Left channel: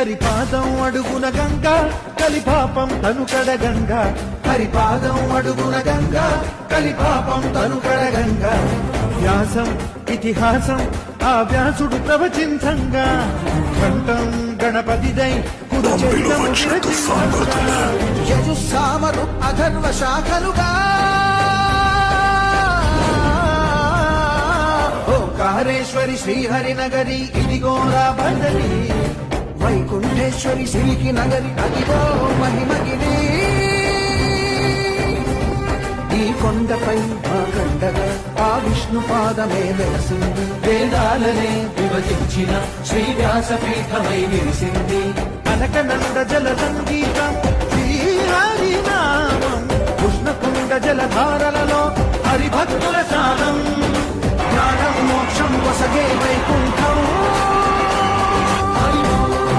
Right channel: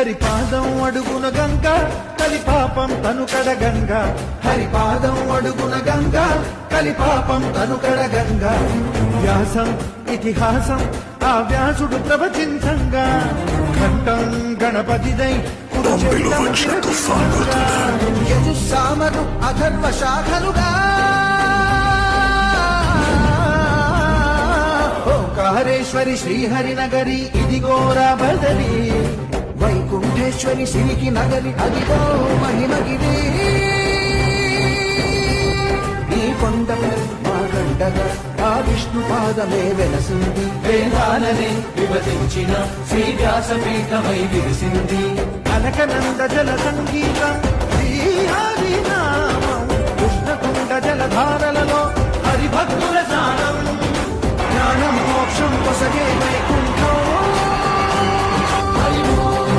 హరిపాదం అడుగున గంగా కలిపాపం తను కడగంగా హరిపాదం అడుగున గంగా కలిపాపం తను కడగంగా వ్యాసం ఇతిహాసం ఆ వ్యాసుడు ప్రవచించంగా కంఠం గణపతిదై పంపిలో వచ్చిన తుఫాన్ గుర్తుందా? యజుస్సామరు అథర్వ శాఖలుగా ఓంకారేశ్వరి శ్రీహరినగరి ఇదిగోరా బదరి వైకుంఠేశ్వరి సిరికి నగరి అదిగో మహిమగిరి ఈ కొండపై పాకండగా ఆ విష్ణు పాదమే వెలసి వేదాలనే విభజించిన శ్రీ వ్యాసపీఠమై విరిసి